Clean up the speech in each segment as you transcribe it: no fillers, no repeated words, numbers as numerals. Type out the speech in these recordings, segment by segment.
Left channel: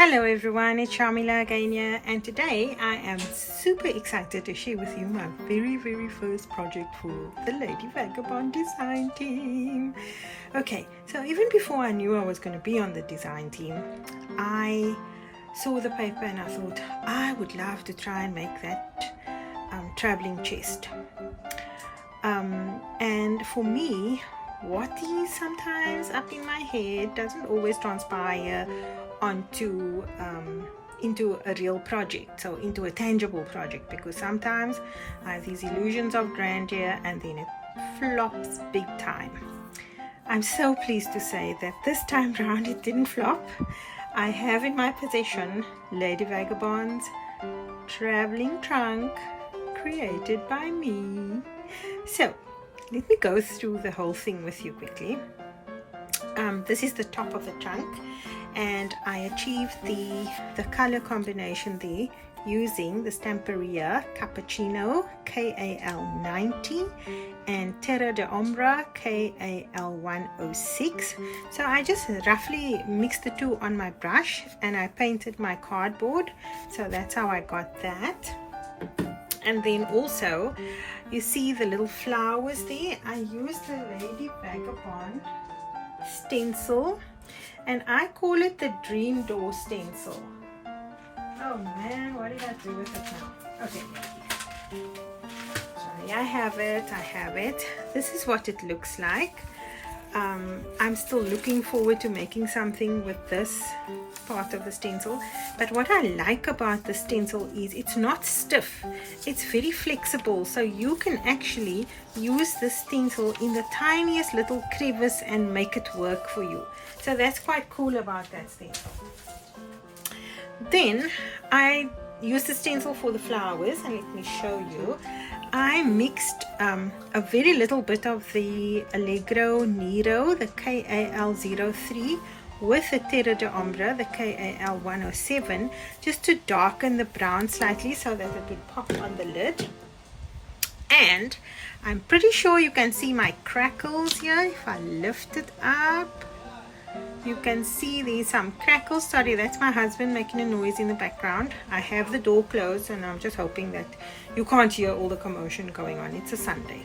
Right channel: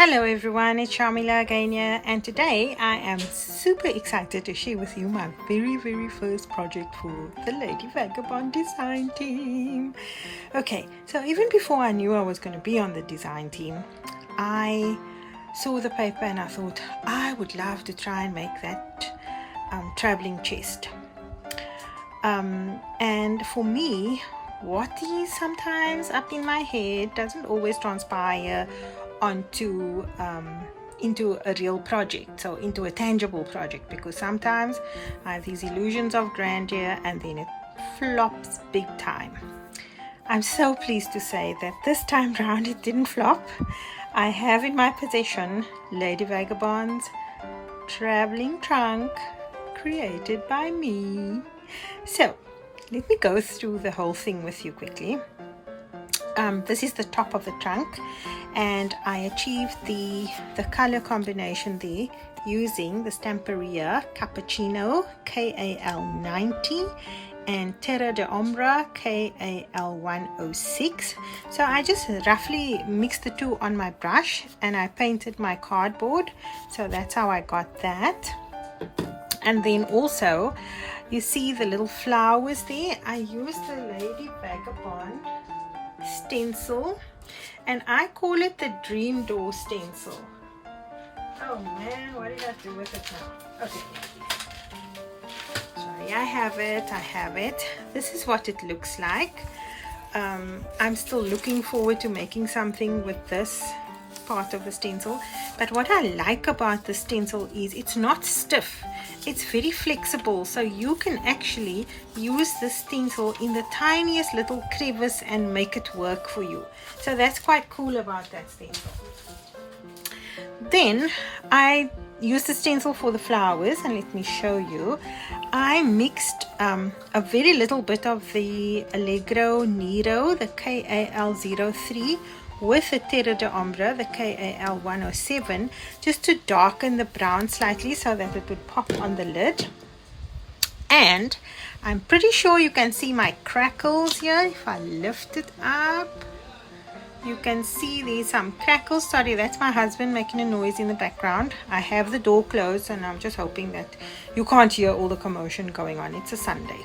Hello everyone, it's Shamila again here, and today I am super excited to share with you my very first project for the Lady Vagabond design team. Okay, so even before I knew I was going to be on the design team, I saw the paper and I thought I would love to try and make that traveling chest. And for me, what is sometimes up in my head doesn't always transpire onto into a real project, so into a tangible project, because sometimes I have these illusions of grandeur and then it flops big time. I'm so pleased to say that this time round it didn't flop. I have in my possession Lady Vagabond's traveling trunk created by me. So let me go through the whole thing with you quickly. This is the top of the trunk, and I achieved the color combination there using the Stamperia Cappuccino KAL90 and Terra de Ombra KAL106. So I just roughly mixed the two on my brush and I painted my cardboard. So that's how I got that. And then also you see the little flowers there. I used the Lady Vagabond stencil, and I call it the dream door stencil. Oh man, what did I do with it now? Okay, sorry, I have it. This is what it looks like. I'm still looking forward to making something with this part of the stencil, but what I like about the stencil is it's not stiff, it's very flexible, so you can actually use the stencil in the tiniest little crevice and make it work for you. So that's quite cool about that stencil. Then I used the stencil for the flowers, and let me show you. I mixed a very little bit of the Allegro Nero, the KAL03, with the Terra de Ombra, the KAL107, just to darken the brown slightly so that it would pop on the lid. And I'm pretty sure you can see my crackles here. If I lift it up, you can see there's some crackles. Sorry, that's my husband making a noise in the background. I have the door closed and I'm just hoping that you can't hear all the commotion going on. It's a Sunday.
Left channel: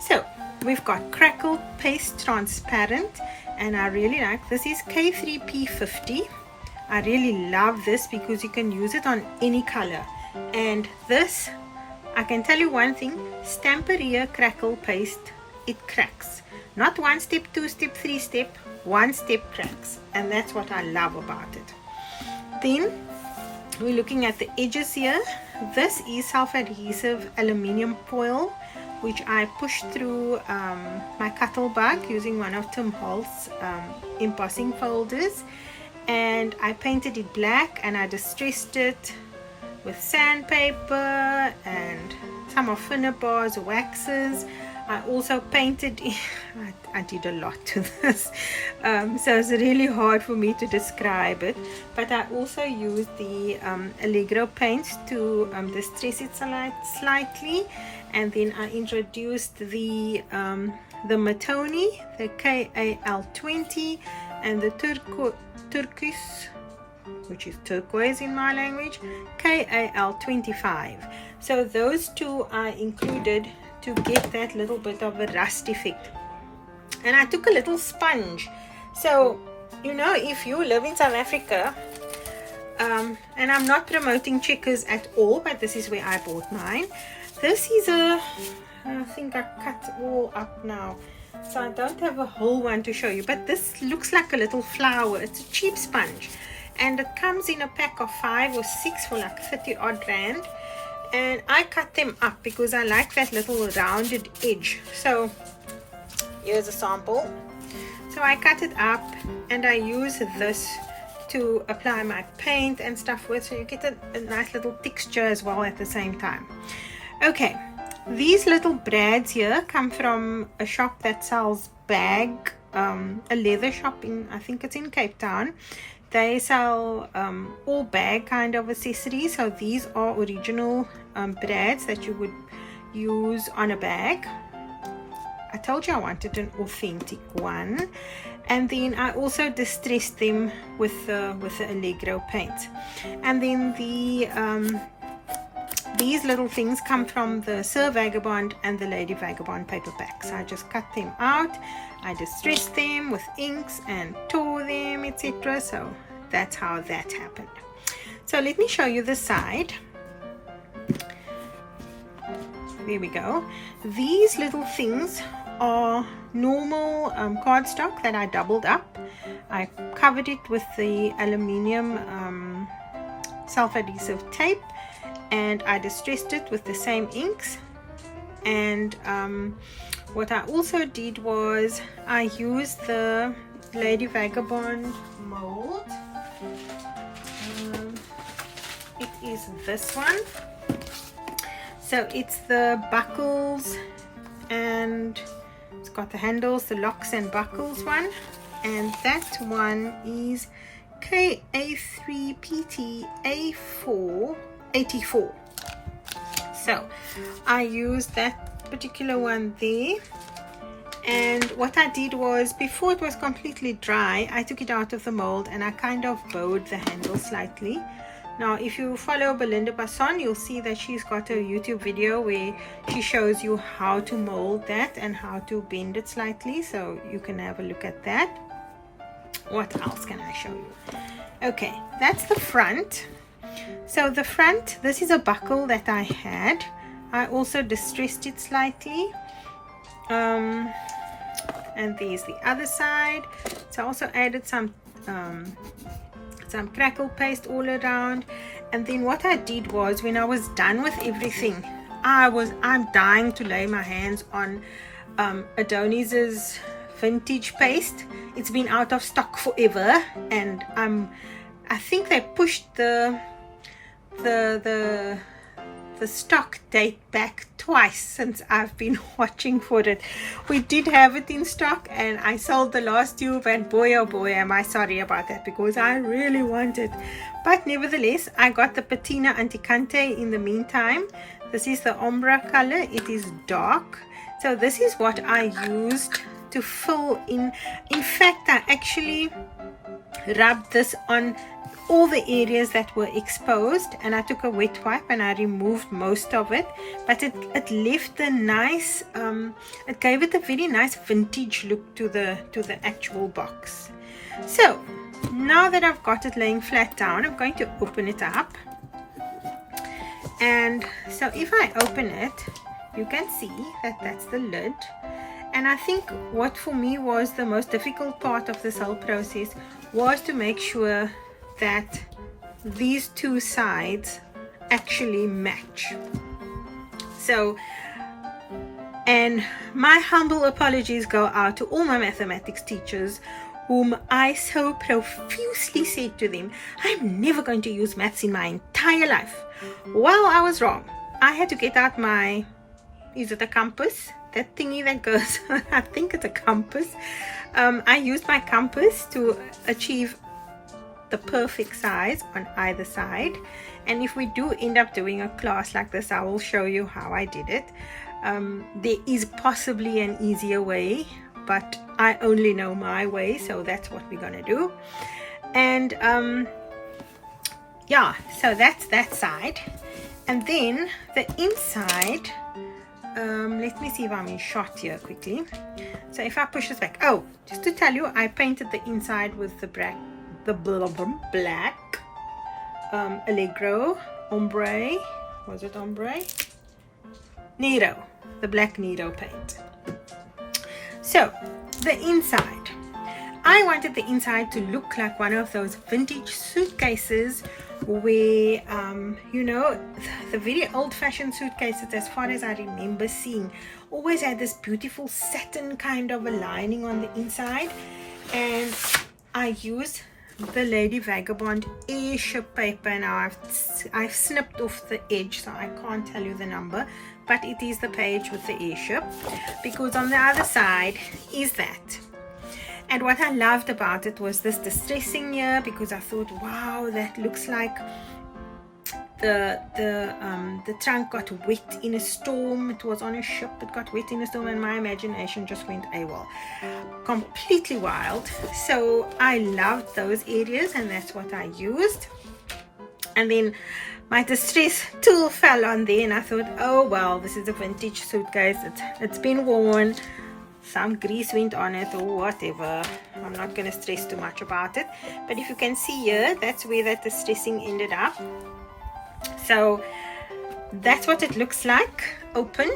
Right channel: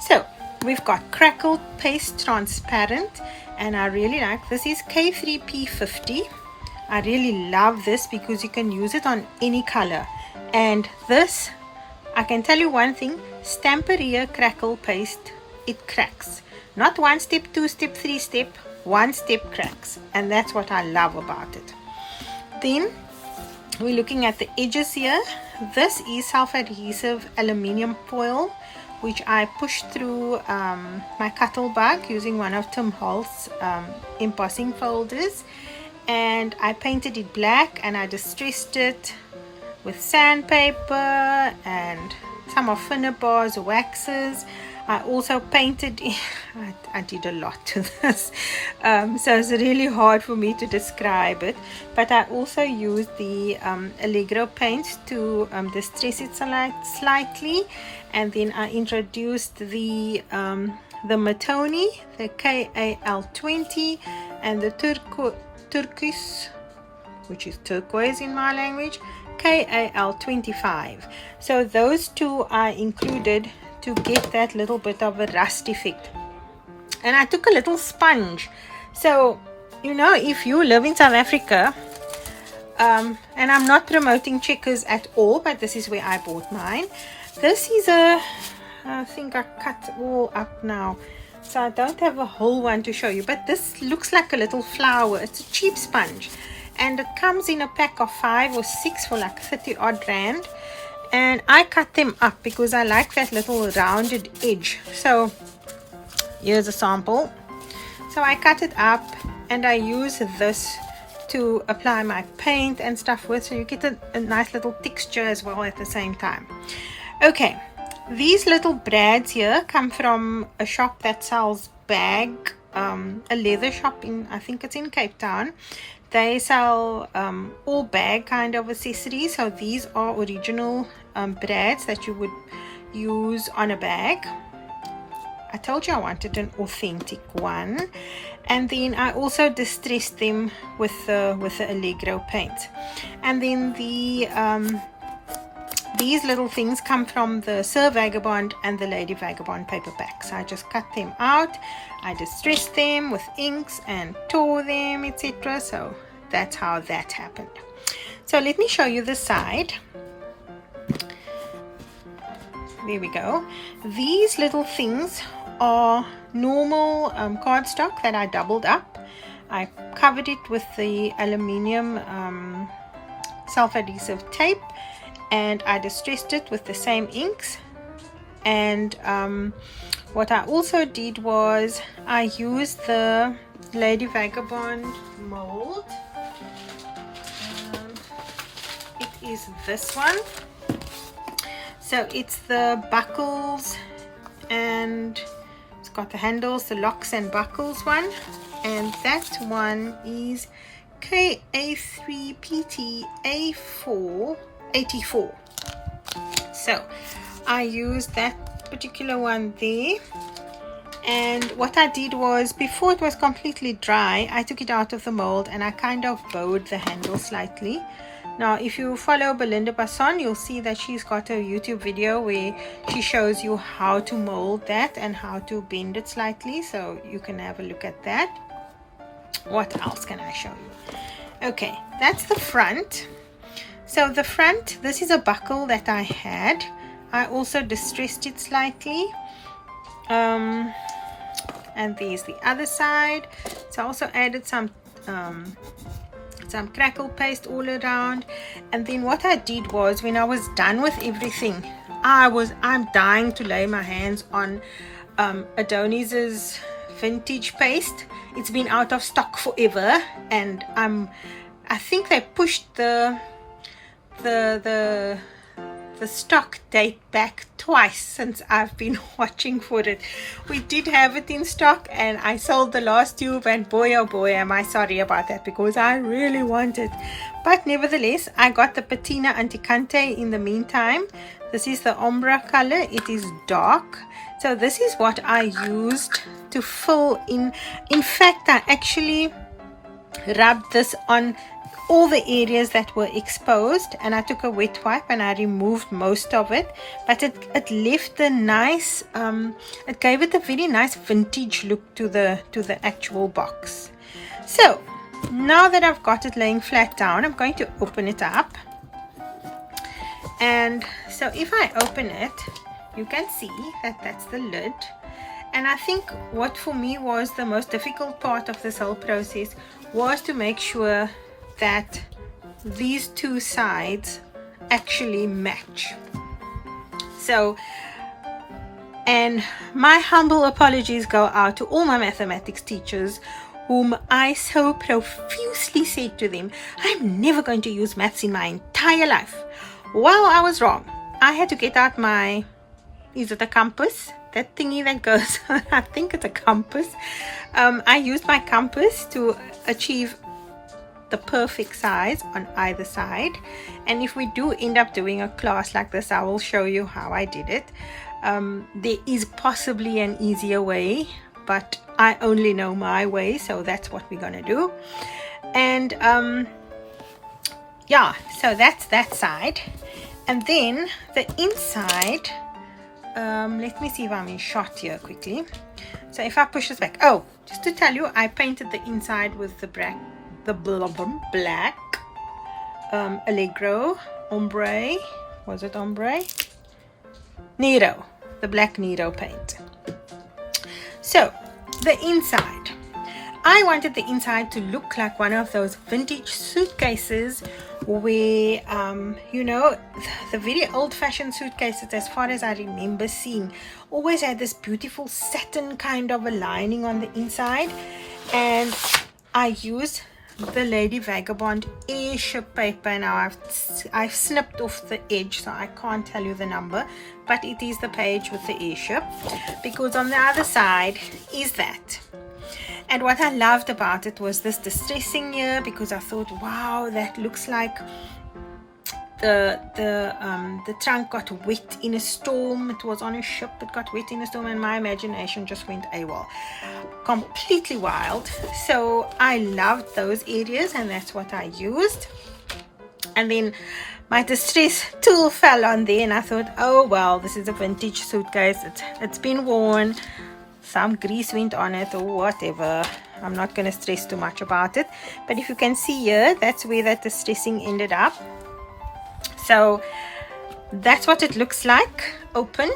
So we've got crackled paste transparent, and I really like this. Is K3P50. I really love this because you can use it on any color. And this, I can tell you one thing, Stamperia crackle paste, it cracks. Not one step, two step, three step, one step cracks, and that's what I love about it. Then we're looking at the edges here. This is self-adhesive aluminium foil, which I pushed through my Cuttlebug using one of Tim Holtz's embossing folders, and I painted it black and I distressed it with sandpaper and some of Finnabar's waxes. I also painted I did a lot to this, so it's really hard for me to describe it, but I also used the Allegro paint to distress it slightly, and then I introduced the Matoni, the KAL20, and the turquoise, which is turquoise in my language, KAL25. So those two I included to get that little bit of a rust effect. And I took a little sponge. So, you know, if you live in South Africa, and I'm not promoting Checkers at all, but this is where I bought mine. This is I think I cut all up now, so I don't have a whole one to show you, but this looks like a little flower. It's a cheap sponge, and it comes in a pack of 5 or 6 for like 30 odd rand. And I cut them up because I like that little rounded edge. So here's a sample. So I cut it up and I use this to apply my paint and stuff with, so you get a nice little texture as well at the same time. Okay, these little brads here come from a shop that sells bag, a leather shop in, I think it's in Cape Town. They sell all bag kind of accessories. So these are original brads that you would use on a bag. I told you I wanted an authentic one. and then I also distressed them with the Allegro paint. And then these little things come from the Sir Vagabond and the Lady Vagabond paperbacks. I just cut them out, I distressed them with inks and tore them, etc. So that's how that happened. So let me show you the side. There we go. These little things are normal cardstock that I doubled up. I covered it with the aluminium self-adhesive tape, and I distressed it with the same inks. And what I also did was I used the Lady Vagabond mold. It is this one. So it's the buckles, and it's got the handles, the locks and buckles one, and that one is KA3PT A484. So I used that particular one there, and what I did was, before it was completely dry, I took it out of the mold and I kind of bowed the handle slightly. Now if you follow Belinda Basson, you'll see that she's got a YouTube video where she shows you how to mold that and how to bend it slightly, so you can have a look at that. What else can I show you? Okay, that's the front. So the front, this is a buckle that I had. I also distressed it slightly. And there's the other side. So I also added some crackle paste all around. And then what I did was, when I was done with everything, I'm dying to lay my hands on Adonis's vintage paste. It's been out of stock forever, and I think they pushed the stock date back twice since I've been watching for it. We did have it in stock and I sold the last tube, and boy oh boy am I sorry about that, because I really want it. But nevertheless, I got the Patina Anticante in the meantime. This is the ombre color. It is dark, so this is what I used to fill in. In fact, I actually rubbed this on all the areas that were exposed, and I took a wet wipe and I removed most of it, but it left a nice it gave it a very nice vintage look to the actual box. So now that I've got it laying flat down, I'm going to open it up. And so if I open it, you can see that that's the lid. And I think what for me was the most difficult part of this whole process was to make sure that these two sides actually match. So, and my humble apologies go out to all my mathematics teachers, whom I so profusely said to them, I'm never going to use maths in my entire life. Well, I was wrong. I had to get out my, is it a compass? That thingy that goes, I think it's a compass. I used my compass to achieve the perfect size on either side. And if we do end up doing a class like this, I will show you how I did it. There is possibly an easier way, but I only know my way, so that's what we're gonna do. And yeah, so that's that side. And then the inside, let me see if I'm in shot here quickly. So if I push this back, oh, just to tell you, I painted the inside with the black Allegro ombre, was it ombre? Nero, the black Nero paint. So the inside, I wanted the inside to look like one of those vintage suitcases where you know, the very old-fashioned suitcases, as far as I remember seeing, always had this beautiful satin kind of a lining on the inside. And I used the Lady Vagabond airship paper. Now I've snipped off the edge, so I can't tell you the number, but it is the page with the airship, because on the other side is that. And what I loved about it was this distressing here, because I thought, wow, that looks like the trunk got wet in a storm. It was on a ship, it got wet in a storm, and my imagination just went AWOL, completely wild. So I loved those areas, and that's what I used. And then my distress tool fell on there, and I thought, oh well, this is a vintage suitcase, it's been worn, some grease went on it or whatever. I'm not going to stress too much about it, but if you can see here, that's where that distressing ended up. So that's what it looks like open,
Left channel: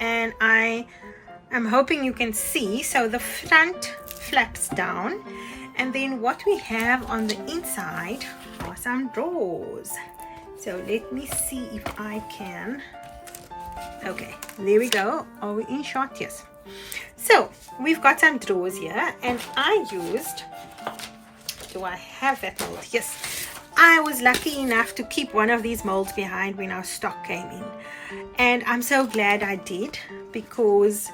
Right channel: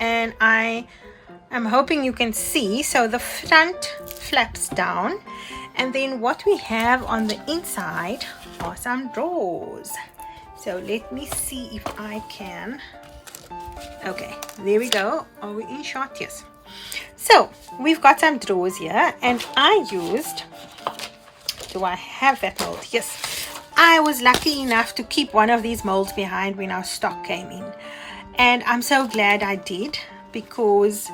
and I am hoping you can see. So the front flaps down, and then what we have on the inside are some drawers. So let me see if I can. Okay, there we go. Are we in shot? Yes. So we've got some drawers here, and I used, do I have that mold? Yes. I was lucky enough to keep one of these molds behind when our stock came in, and I'm so glad I did, because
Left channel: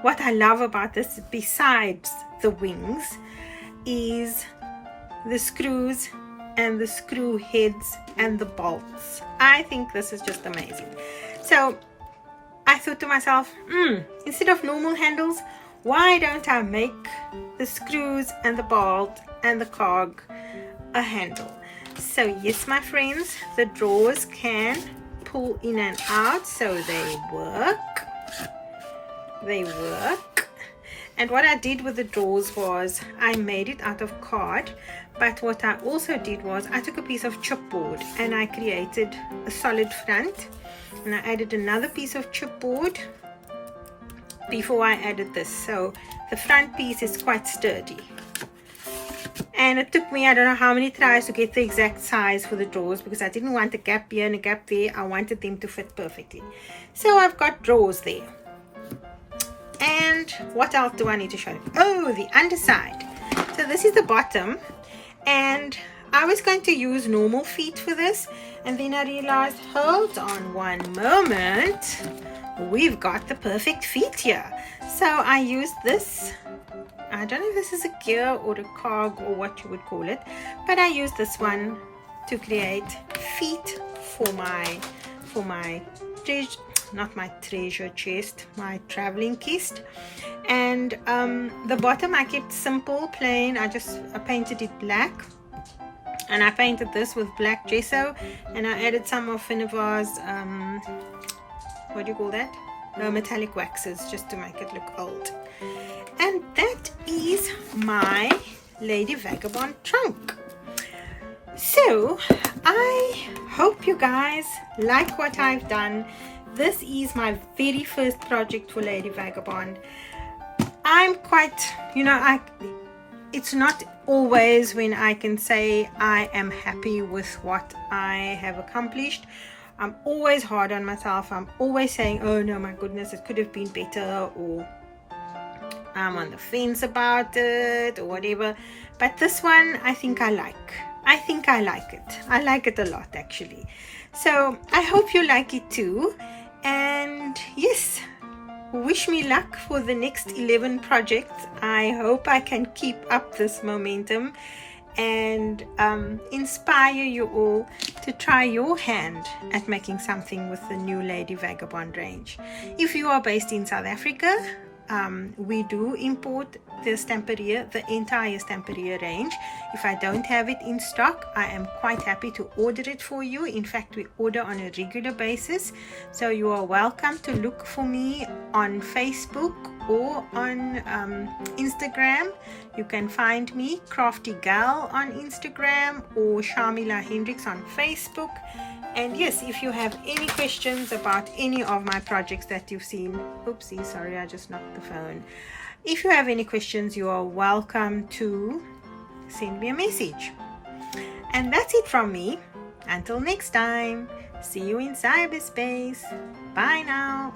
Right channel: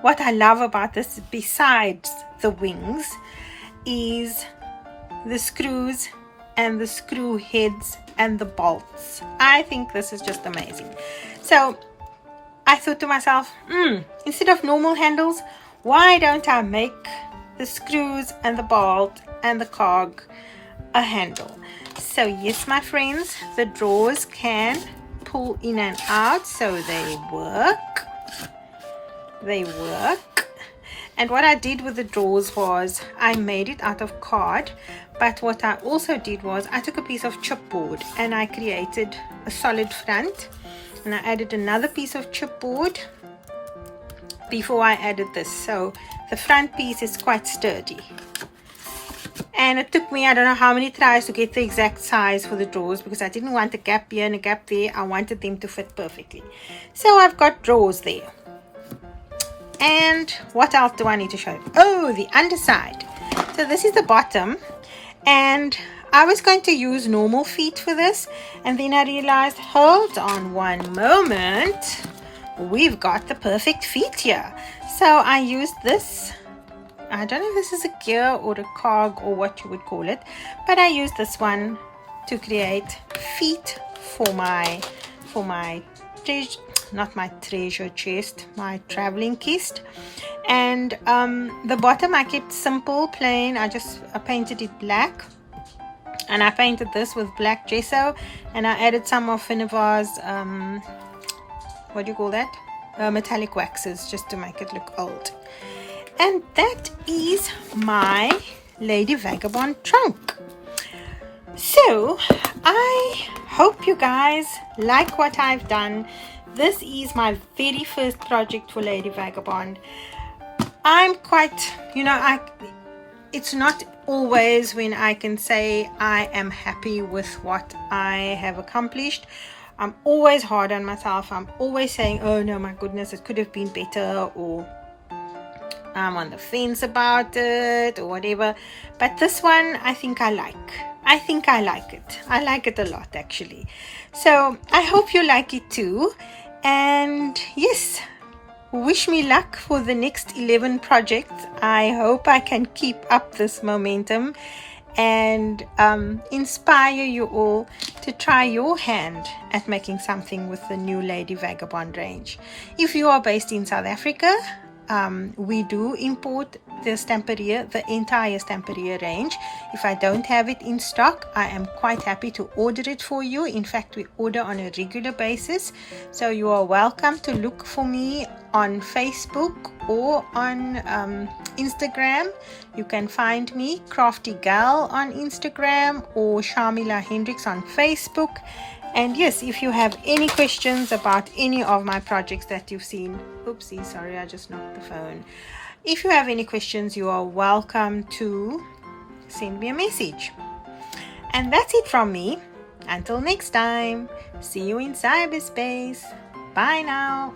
what I love about this, besides the wings, is the screws and the screw heads and the bolts. I think this is just amazing. So I thought to myself, instead of normal handles, why don't I make the screws and the bolt and the cog a handle? So yes, my friends, the drawers can pull in and out, so they work. And what I did with the drawers was I made it out of card, but what I also did was I took a piece of chipboard and I created a solid front, and I added another piece of chipboard before I added this, so the front piece is quite sturdy. And it took me, I don't know how many tries to get the exact size for the drawers, because I didn't want a gap here and a gap there. I wanted them to fit perfectly. So I've got drawers there. And what else do I need to show you? Oh, the underside. So this is the bottom, and I was going to use normal feet for this, and then I realized, hold on one moment, we've got the perfect feet here. So I used this, I don't know if this is a gear or a cog or what you would call it, but I used this one to create feet for my not my treasure chest, my traveling chest. And the bottom I kept simple, plain. I painted it black, and I painted this with black gesso, and I added some of Finnevar's what do you call that, metallic waxes, just to make it look old. And that is my Lady Vagabond trunk. So I hope you guys like what I've done. This is my very first project for Lady Vagabond. I'm quite, it's not always when I can say I am happy with what I have accomplished. I'm always hard on myself. I'm always saying, oh no, my goodness, it could have been better, or I'm on the fence about it, or whatever. But this one, I think I like it. I like it a lot, actually. So I hope you like it too. And yes, wish me luck for the next 11 projects. I hope I can keep up this momentum and inspire you all to try your hand at making something with the new Lady Vagabond range. If you are based in South Africa, we do import the Stamperia, the entire Stamperia range. If I don't have it in stock, I am quite happy to order it for you. In fact, we order on a regular basis. So you are welcome to look for me on Facebook or on Instagram. You can find me Crafty Gal on Instagram or Sharmila Hendricks on Facebook. And yes, if you have any questions about any of my projects that you've seen, oopsie, sorry, I just knocked the phone. If you have any questions, you are welcome to send me a message. And that's it from me. Until next time, see you in cyberspace. Bye now.